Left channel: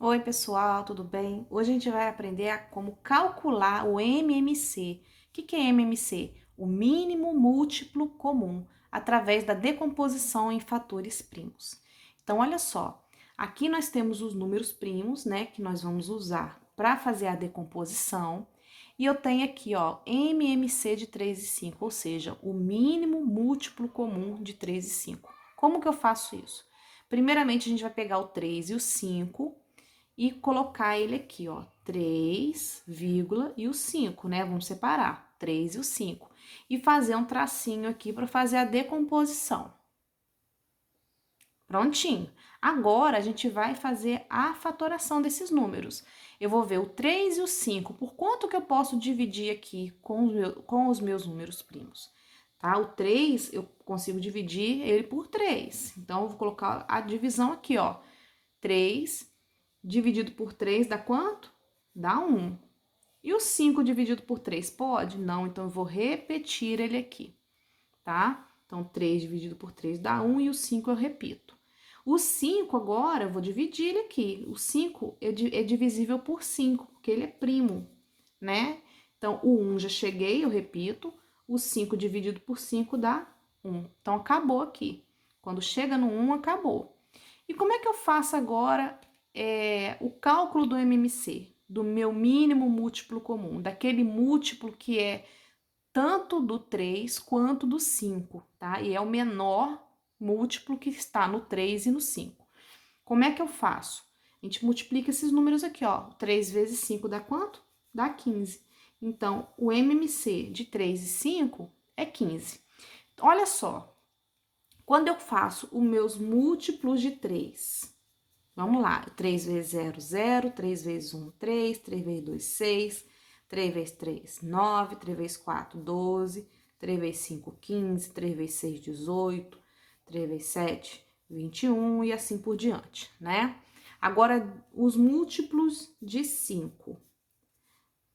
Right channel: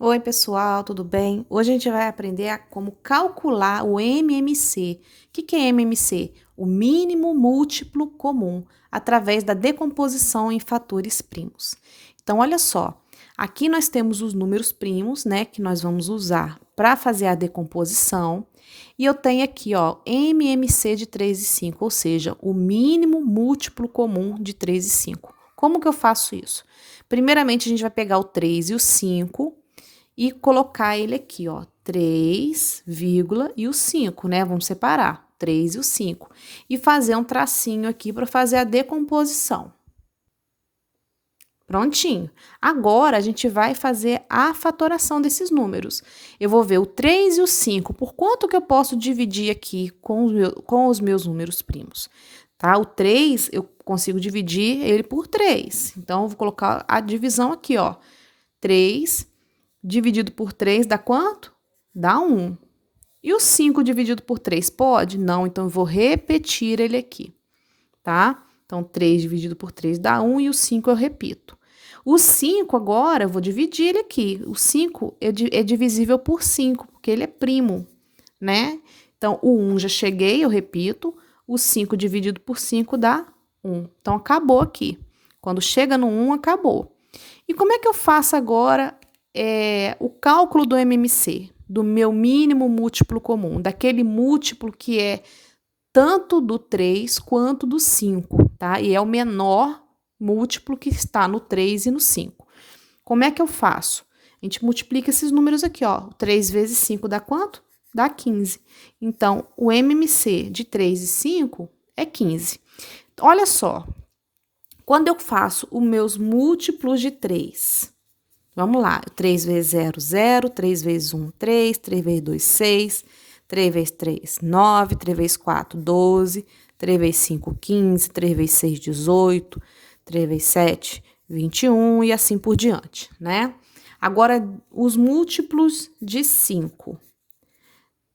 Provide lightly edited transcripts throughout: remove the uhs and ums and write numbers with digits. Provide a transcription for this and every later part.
Oi, pessoal, tudo bem? Hoje a gente vai aprender a como calcular o MMC. O que é MMC? O mínimo múltiplo comum, através da decomposição em fatores primos. Então, olha só, aqui nós temos os números primos, né, que nós vamos usar para fazer a decomposição. E eu tenho aqui, ó, MMC de 3 e 5, ou seja, o mínimo múltiplo comum de 3 e 5. Como que eu faço isso? Primeiramente, a gente vai pegar o 3 e o 5 e colocar ele aqui, ó, 3, vírgula e o 5, né? Vamos separar, 3 e o 5. E fazer um tracinho aqui para fazer a decomposição. Prontinho. Agora, a gente vai fazer a fatoração desses números. Eu vou ver o 3 e o 5, por quanto que eu posso dividir aqui com os meus números primos, tá? O 3, eu consigo dividir ele por 3. Então, eu vou colocar a divisão aqui, ó. 3 dividido por 3 dá quanto? Dá 1. E o 5 dividido por 3 pode? Não, então eu vou repetir ele aqui, tá? Então, 3 dividido por 3 dá 1 e o 5 eu repito. O 5 agora eu vou dividir ele aqui. O 5 é divisível por 5, porque ele é primo, né? Então, o 1 já cheguei, eu repito. O 5 dividido por 5 dá 1. Então, acabou aqui. Quando chega no 1, acabou. E como é que eu faço agora o cálculo do MMC, do meu mínimo múltiplo comum, daquele múltiplo que é tanto do 3 quanto do 5, tá? E é o menor múltiplo que está no 3 e no 5. Como é que eu faço? A gente multiplica esses números aqui, ó. 3 vezes 5 dá quanto? Dá 15. Então, o MMC de 3 e 5 é 15. Olha só, quando eu faço os meus múltiplos de 3, vamos lá, 3 vezes 0, 0, 3 vezes 1, 3, 3 vezes 2, 6, 3 vezes 3, 9, 3 vezes 4, 12, 3 vezes 5, 15, 3 vezes 6, 18, 3 vezes 7, 21 e assim por diante, né? Agora, os múltiplos de 5.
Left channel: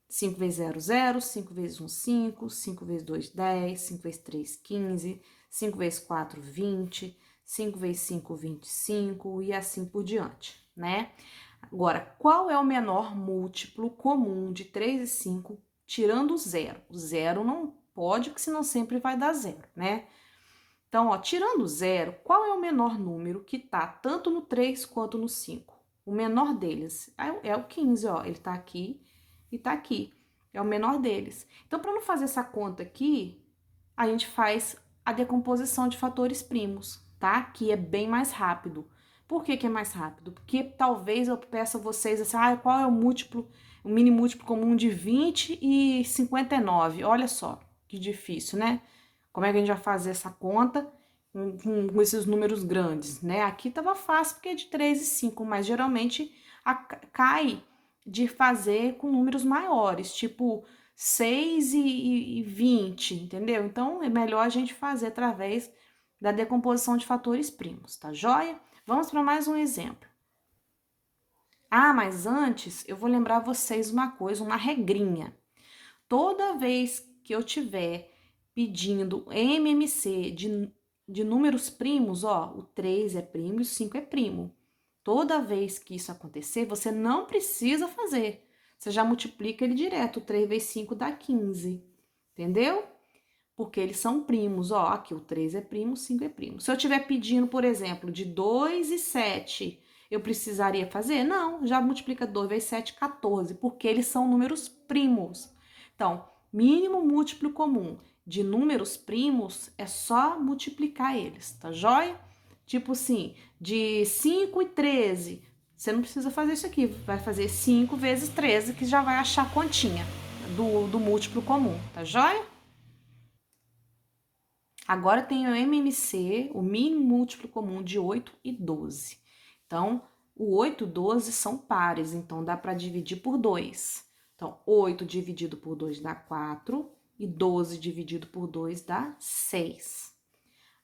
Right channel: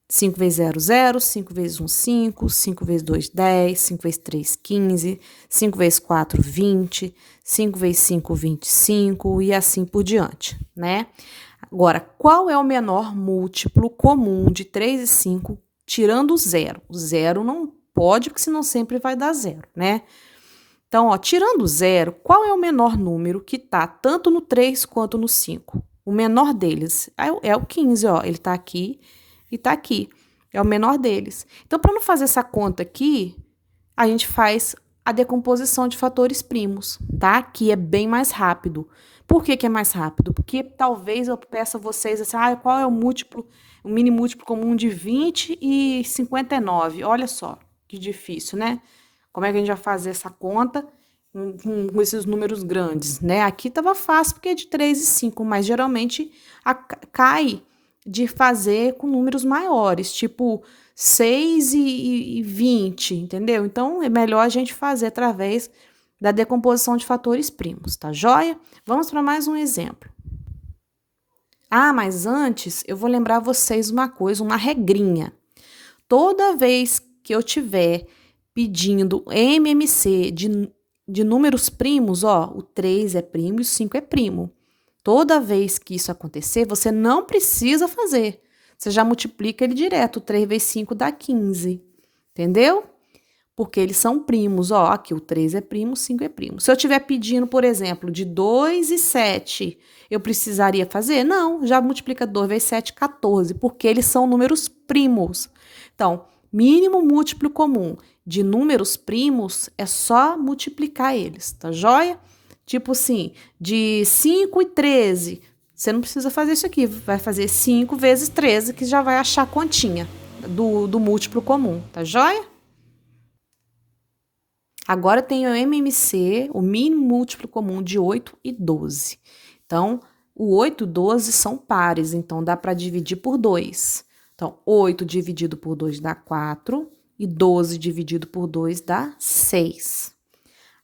5 vezes 0, 0, 5 vezes 1, 5, 5 vezes 2, 10, 5 vezes 3, 15, 5 vezes 4, 20, 5 vezes 5, 25 e assim por diante, né? Agora, qual é o menor múltiplo comum de 3 e 5, tirando o zero? O zero não pode, porque senão sempre vai dar zero, né? Então, ó, tirando o zero, qual é o menor número que tá tanto no 3 quanto no 5? O menor deles é o 15, ó, ele tá aqui e tá aqui. É o menor deles. Então, para não fazer essa conta aqui, a gente faz a decomposição de fatores primos, tá? Que é bem mais rápido. Por que que é mais rápido? Porque talvez eu peça a vocês assim, qual é o múltiplo, o mini múltiplo comum de 20 e 59? Olha só, que difícil, né? Como é que a gente vai fazer essa conta com esses números grandes, né? Aqui tava fácil porque é de 3 e 5, mas geralmente cai de fazer com números maiores, tipo 6 e 20, entendeu? Então, é melhor a gente fazer através da decomposição de fatores primos, tá joia? Vamos para mais um exemplo. Ah, mas antes eu vou lembrar vocês uma coisa, uma regrinha. Toda vez que eu tiver pedindo MMC de números primos, ó, o 3 é primo e o 5 é primo. Toda vez que isso acontecer, você não precisa fazer. Você já multiplica ele direto. 3 vezes 5 dá 15. Entendeu? Porque eles são primos. Ó, aqui o 3 é primo, o 5 é primo. Se eu estiver pedindo, por exemplo, de 2 e 7, eu precisaria fazer? Não, já multiplica 2 vezes 7, 14, porque eles são números primos. Então, mínimo múltiplo comum de números primos é só multiplicar eles, tá joia? Tipo assim, de 5 e 13, você não precisa fazer isso aqui, vai fazer 5 vezes 13, que já vai achar a continha do múltiplo comum, tá joia? Agora tem o MMC, o mínimo múltiplo comum de 8 e 12. Então, o 8 e 12 são pares, então dá para dividir por 2. Então, 8 dividido por 2 dá 4 e 12 dividido por 2 dá 6.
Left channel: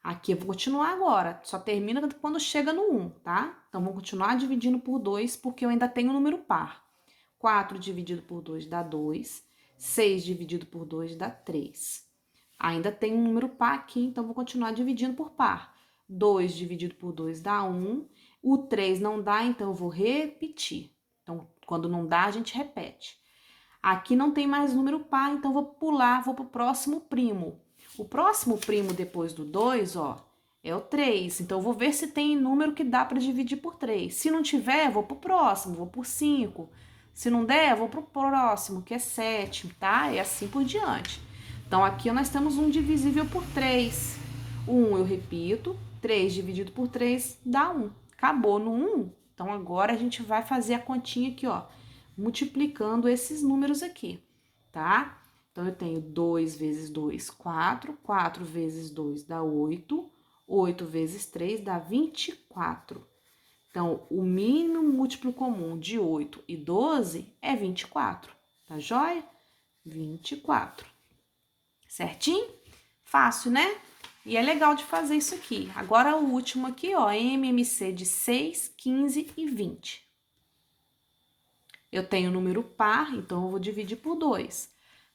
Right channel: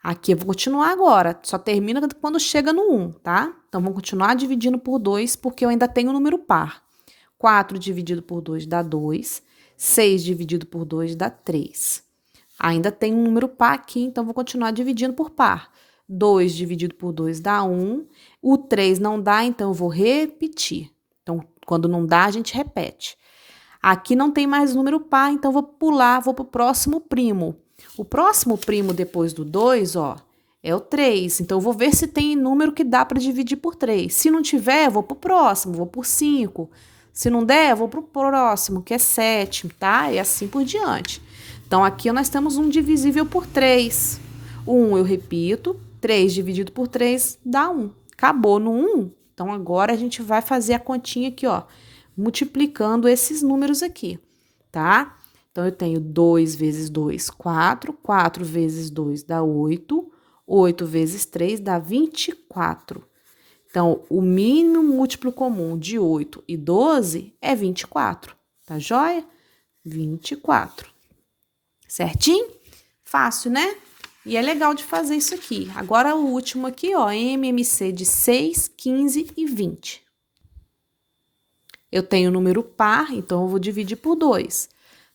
Aqui eu vou continuar agora, só termina quando chega no 1, tá? Então, vamos continuar dividindo por 2, porque eu ainda tenho o número par. 4 dividido por 2 dá 2, 6 dividido por 2 dá 3. Ainda tem um número par aqui, então vou continuar dividindo por par. 2 dividido por 2 dá 1. O 3 não dá, então eu vou repetir. Então, quando não dá, a gente repete. Aqui não tem mais número par, então vou pular, vou pro próximo primo. O próximo primo depois do 2, ó, é o 3. Então, eu vou ver se tem número que dá para dividir por 3. Se não tiver, eu vou pro próximo, vou por 5. Se não der, eu vou pro próximo, que é 7, tá? E assim por diante. Então, aqui nós temos um divisível por 3. O 1 eu repito, 3 dividido por 3 dá 1. Acabou no 1. Então, agora a gente vai fazer a continha aqui, ó, multiplicando esses números aqui, tá? Então, eu tenho 2 vezes 2, 4. 4 vezes 2 dá 8. 8 vezes 3 dá 24. Então, o mínimo múltiplo comum de 8 e 12 é 24. Tá joia? 24. Certinho? Fácil, né? E é legal de fazer isso aqui. Agora, o último aqui, ó, MMC de 6, 15 e 20. Eu tenho número par, então eu vou dividir por 2.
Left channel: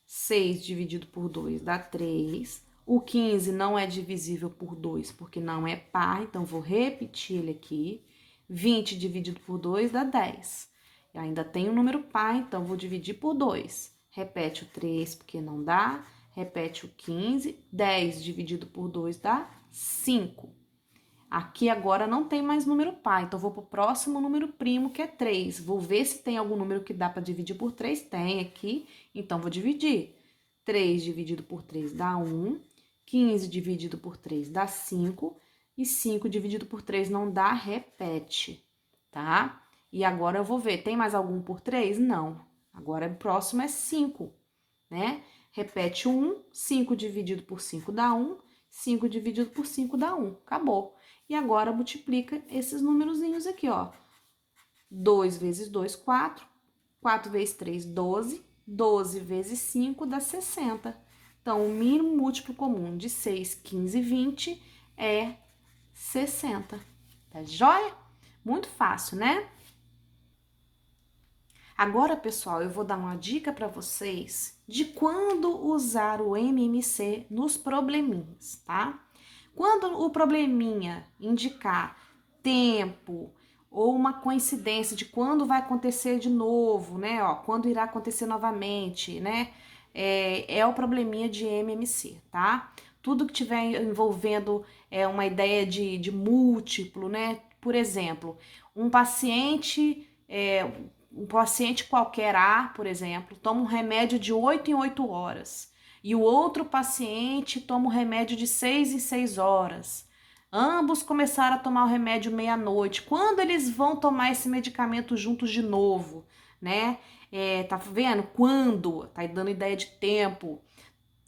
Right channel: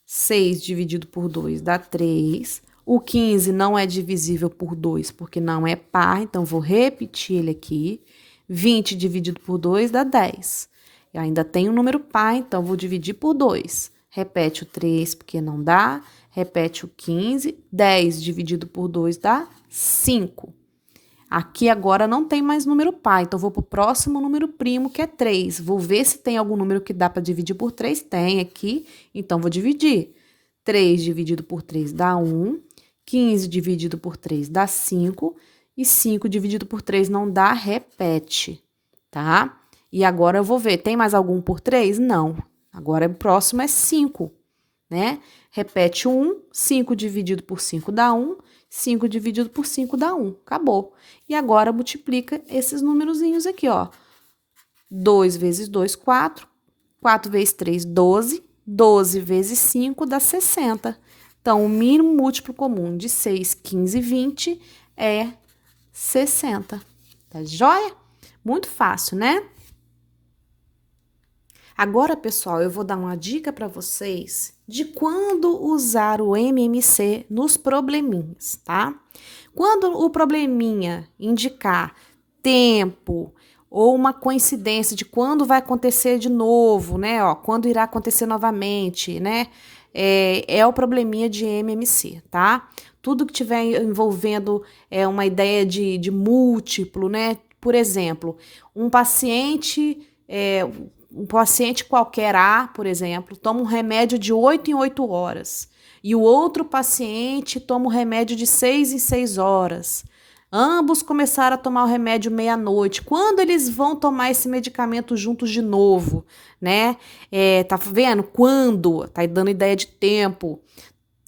6 dividido por 2 dá 3. O 15 não é divisível por 2, porque não é par, então vou repetir ele aqui. 20 dividido por 2 dá 10. Eu ainda tenho um número par, então vou dividir por 2. Repete o 3, porque não dá. Repete o 15. 10 dividido por 2 dá 5. Aqui agora não tem mais número par, então vou pro próximo número primo, que é 3. Vou ver se tem algum número que dá para dividir por 3. Tem aqui, então vou dividir. 3 dividido por 3 dá 1. 15 dividido por 3 dá 5. E 5 dividido por 3 não dá, repete, tá? E agora eu vou ver, tem mais algum por 3? Não. Agora o próximo é 5, né? Repete 1, 5 dividido por 5 dá 1, 5 dividido por 5 dá 1, acabou. E agora multiplica esses númerozinhos aqui, ó. 2 vezes 2, 4, 4 vezes 3, 12, 12 vezes 5 dá 60. Então, o mínimo múltiplo comum de 6, 15 e 20 é 60. Tá joia? Muito fácil, né? Agora, pessoal, eu vou dar uma dica para vocês de quando usar o MMC nos probleminhas, tá? Quando o probleminha indicar tempo ou uma coincidência de quando vai acontecer de novo, né? Ó, quando irá acontecer novamente, né? É o probleminha de MMC, tá? Tudo que tiver envolvendo uma ideia de múltiplo, né? Por exemplo, um paciente qualquer A, por exemplo, toma um remédio de 8 em 8 horas e o outro paciente toma um remédio de 6 em 6 horas. Ambos começaram a tomar o remédio meia-noite. Quando eles vão tomar esse medicamento juntos de novo, né? Tá vendo? Quando? Tá dando ideia de tempo.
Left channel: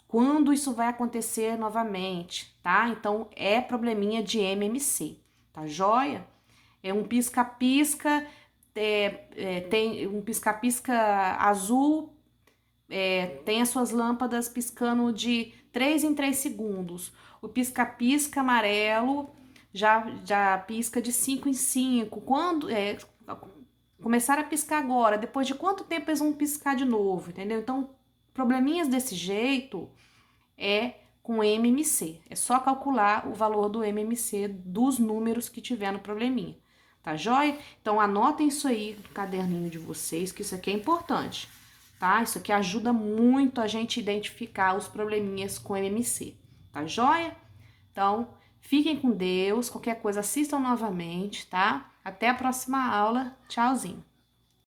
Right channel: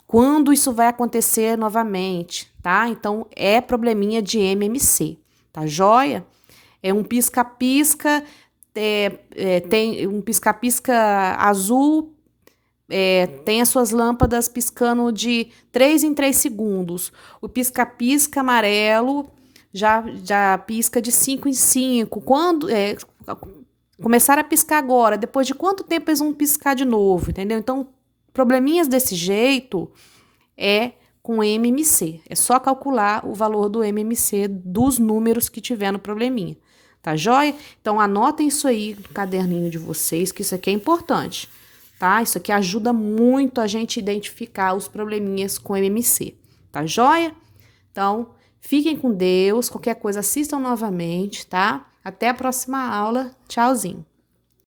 Quando isso vai acontecer novamente, tá? Então, é probleminha de MMC, tá joia? É um pisca-pisca, tem um pisca-pisca azul, tem as suas lâmpadas piscando de 3 em 3 segundos. O pisca-pisca amarelo já pisca de 5 em 5. Quando começar a piscar agora, depois de quanto tempo eles vão piscar de novo, entendeu? Então, probleminhas desse jeito é com MMC. É só calcular o valor do MMC dos números que tiver no probleminha. Tá joia? Então, anotem isso aí no caderninho de vocês, que isso aqui é importante, tá? Isso aqui ajuda muito a gente identificar os probleminhas com MMC, tá joia? Então, fiquem com Deus, qualquer coisa assistam novamente, tá? Até a próxima aula. Tchauzinho.